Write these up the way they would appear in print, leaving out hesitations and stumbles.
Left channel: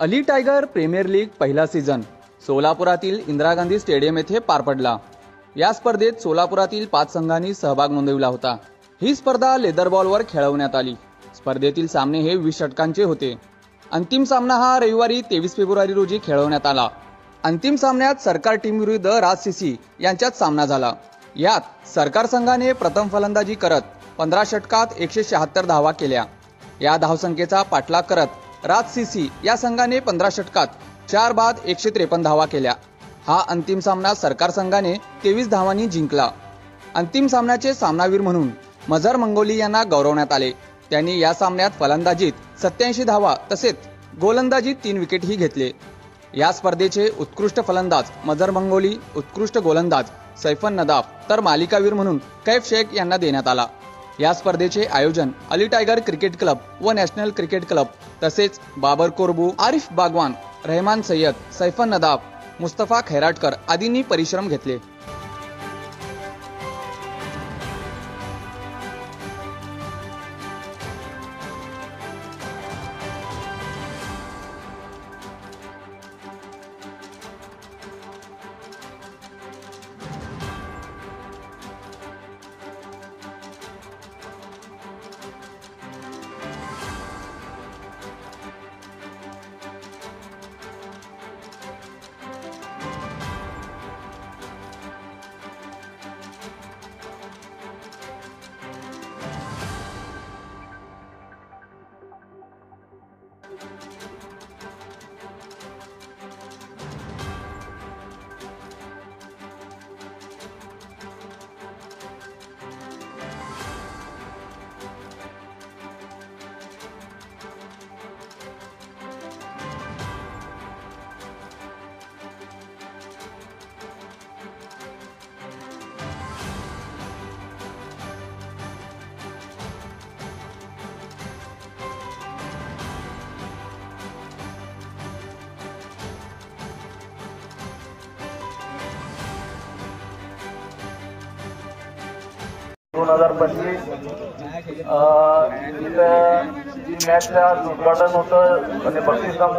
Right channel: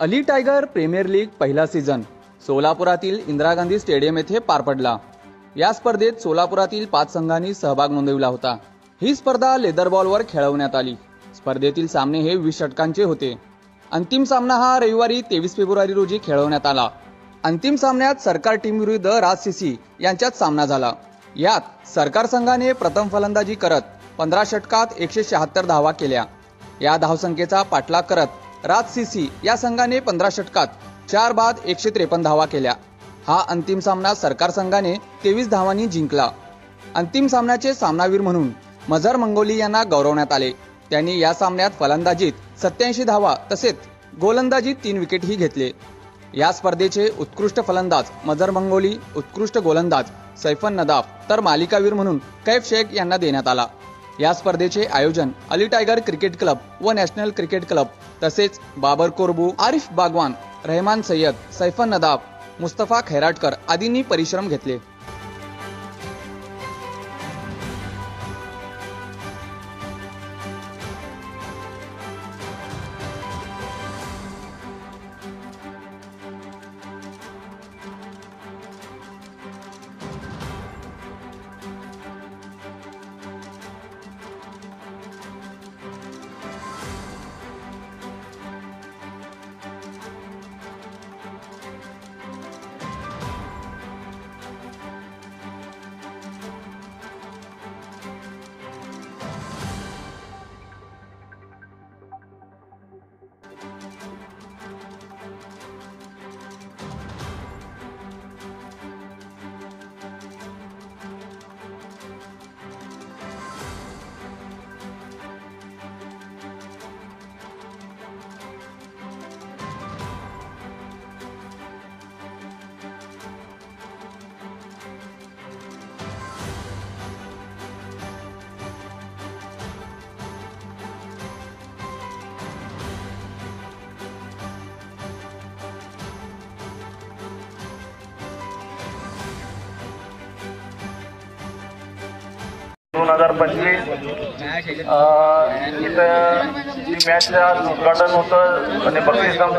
Ali tiger premier league पहिला season सोलापुरातील Indira Gandhi stadium येथे पार पडला। या स्पर्धेत सोलापुरातील 5 संघांनी सहभाग नोंदविला होता। ही स्पर्धा लेदर बॉलवर खेळवण्यात आली। स्पर्धेतील सामने हे 20 षटकांचे होते। अंतिम सामना हा रविवारी 23 फेब्रुवारी रोजी खेळवण्यात आला। अंतिम सामन्यात सरकार टीम विरुद्ध राज सीसी यांच्यात सामना झाला। यात सरकार संघाने प्रथम फलंदाजी करत 15 षटकात 176 धावा केल्या। या धावसंख्येचा पाठलाग करत राज सीसी या संघाने 15 षटकात 4 बाद 153 धावा केल्या। हा अंतिम सामना सरकार संघाने 23 धावांनी जिंकला। अंतिम सामन्याचे सामनावीर म्हणून मजहर मंगोली यांना गौरवण्यात आले। त्यांनी या सामन्यात फलंदाजीत 87 धावा तसेच गोलंदाजीत 3 विकेटही घेतले। या स्पर्धेचे उत्कृष्ट फलंदाज मजहर मंगोली, उत्कृष्ट गोलंदाज सैफन नदाफ तर मालिकावीर म्हणून कैफ शेख यांना देण्यात आला। या स्पर्धेचे आयोजन अली टायगर क्रिकेट क्लब व नॅशनल क्रिकेट क्लब तसेच बाबर कोरबू, आरिफ बागवान, रहमान सय्यद, सैफन नदाफ, मुस्तफा खैराटकर आदींनी परिश्रम घेतले। इथं जी मॅचचा उद्घाटन होतं आणि बक्षीसदान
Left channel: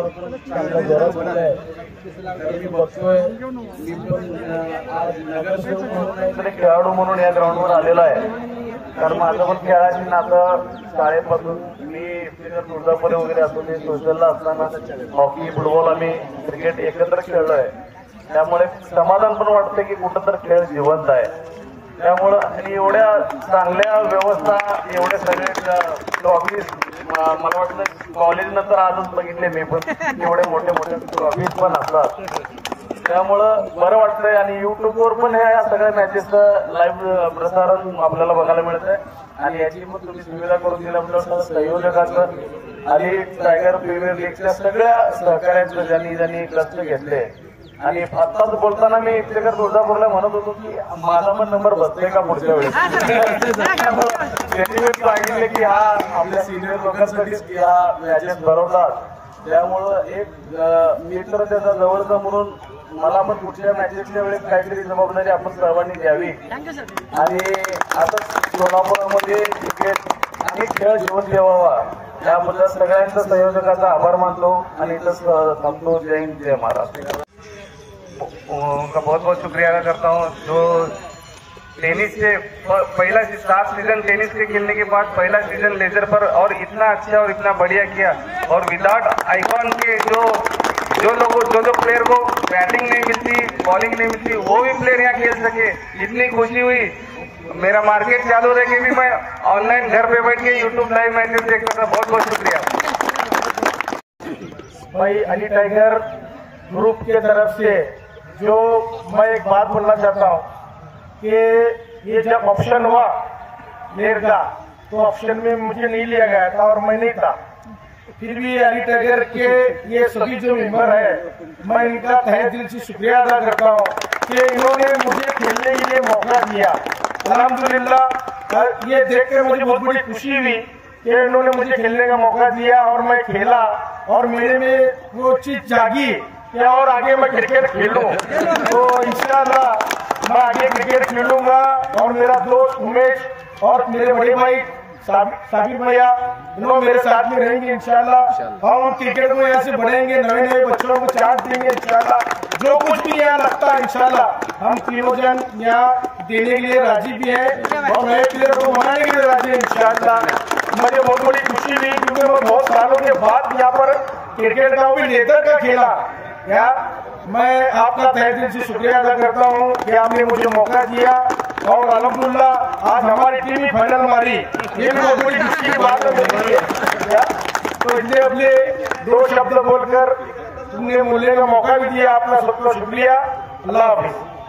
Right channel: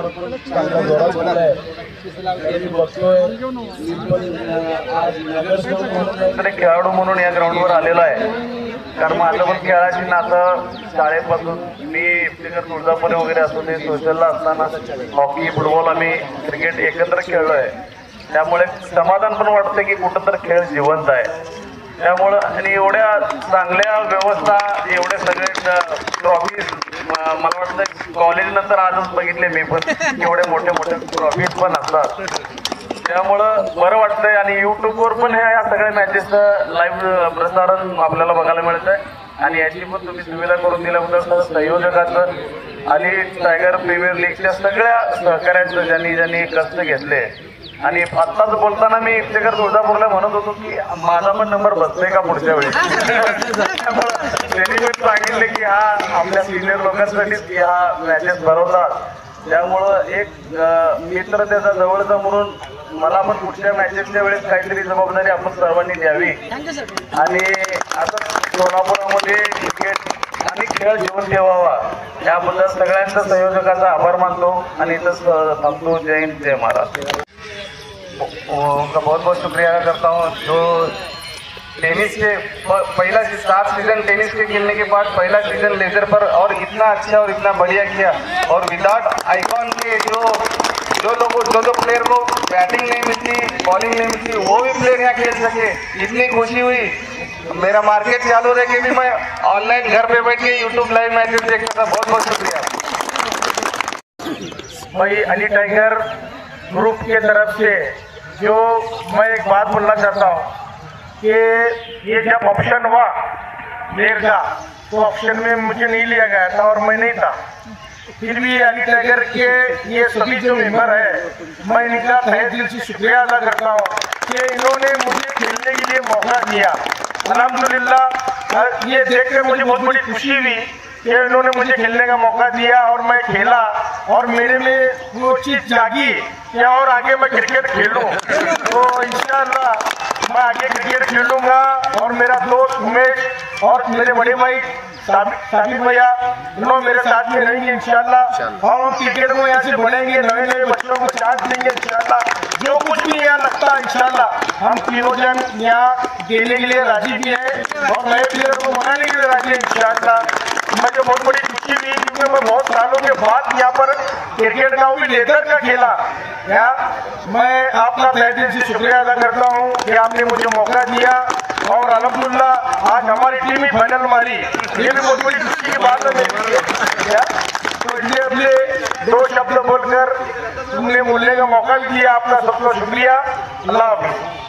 खेळाडू म्हणून या ग्राउंडवर आलेला आहे। कारण माझं पण खेळाची नातं शाळेपासून मी तुळजापुरी वगैरे असतो ते सोशलला असताना हॉकी, फुटबॉल आम्ही क्रिकेट एकत्र खेळलोय। त्यामुळे समाधान पण वाटतं की कुठं तर खेळ जिवंत आहे। त्यामुळं आणि एवढ्या चांगल्या व्यवस्था, एवढे सगळे ट्रॉफी मला वाटतं कॉलेज नंतर आजच बघितले मी पण एवढे मोठे मोठे ट्रॉफीज पण असतात। त्यामुळं बरं वाटतंय आणि युट्यूबवर पण या सगळ्या मॅचेसचं लाईव्ह प्रसारण आपल्याला बघायला मिळत आहे। आणि याची पण तुम्ही सुविधा करून दिल्याबद्दल संयोजकांचं आणि टायगर प्रीमियर लीगच्या सगळ्या सहकार्यांचं ज्यांनी कष्ट घेतले। आणि आत्ताच बोलताना मी इफ्तेकर तुळजापूरला म्हणत होतो की माझा पण नंबर बसतोय का पुढच्या वेळी। त्यांनी सांगितले की हा आपल्या सिनियर लोकांसाठी या मॅचेस भरवतात। त्यामुळं एक मित्र त्याचा जवळचा म्हणून मला पण पुढच्या मॅचेसच्या वेळेस काहीतरी जबाबदारी आपण सर्वांनी द्यावी। आणि आता सोलापुरामध्ये क्रिकेट आणि खेळ जीवन ठेवावा याबद्दल सगळ्यांचा संयोजकाचा आभार मानतो आणि इथं थांबतो। जय हिंद, जय महाराष्ट्र। उनका बहुत बहुत शुक्रिया अदा करता हूँ जो टेनिस के पहला 7 सीजन टेनिस के खेलने के बाद पहला सीजन लेदर पर और इतना अच्छा और इतना बढ़िया किया। और विदाउट आइकॉन के जो प्लेयर को बैटिंग नहीं मिलती, बॉलिंग नहीं मिलती, वो भी प्लेयर यहाँ खेल सके, इतनी खुशी हुई। मेरा मार्केट चालू रहे कि मैं ऑनलाइन घर पे बैठ के यूट्यूब लाइव मैचेस देखता था। बहुत बहुत शुक्रिया भाई। अली टाइगर ग्रुप के तरफ से जो मैं एक बात बोलना चाहता हूँ कि ये जब ऑप्शन हुआ मेयर का तो ऑप्शन में मुझे नहीं लिया गया था और मैं नहीं था। फिर भी अली टाइगर के ये सभी जो मेंबर है मैं इनका तहे दिल से शुक्रिया अदा करता हूँ कि इन्होंने मुझे खेलने के लिए मौका दिया। अल्हम्दुलिल्लाह ये देख कर मुझे बहुत बड़ी खुशी हुई कि इन्होंने मुझे खेलने का मौका दिया और मैं खेला और मेरे में वो चीज जागी कि और आगे मैं क्रिकेट खेलूं। तो इंशाअल्लाह मैं आगे क्रिकेट खेलूंगा और मेरा दोस्त उमेश और मेरे बड़े भाई साबिर भैया इन लोग मेरे साथ में रहेंगे इंशाल्लाह। और हम क्रिकेट को यहाँ से बढ़ाएंगे, नए नए बच्चों को चांस देंगे इंशाल्लाह। जो कुछ भी यहाँ लगता है इंशाल्लाह हम तीनों जन यहाँ देने के लिए राजी भी हैं और नए प्लेयर को बनाने के लिए राजी हैं इंशाल्लाह। मुझे बहुत बड़ी खुशी हुई क्योंकि मैं बहुत सालों के बाद यहाँ पर क्रिकेट का भी लेदर का खेला यार। मैं आपका तहे दिल से शुक्रिया अदा करता हूँ कि आपने मुझे मौका दिया और अल्हम्दुलिल्लाह आज हमारी टीम ही फाइनल मारी। ये बहुत बड़ी खुशी की बात है मेरे लिए। तो इसलिए अपने दो शब्द बोलकर तुमने बोलने का मौका भी दिया, आपका सबका शुक्रिया। अल्लाह हाफ़िज़।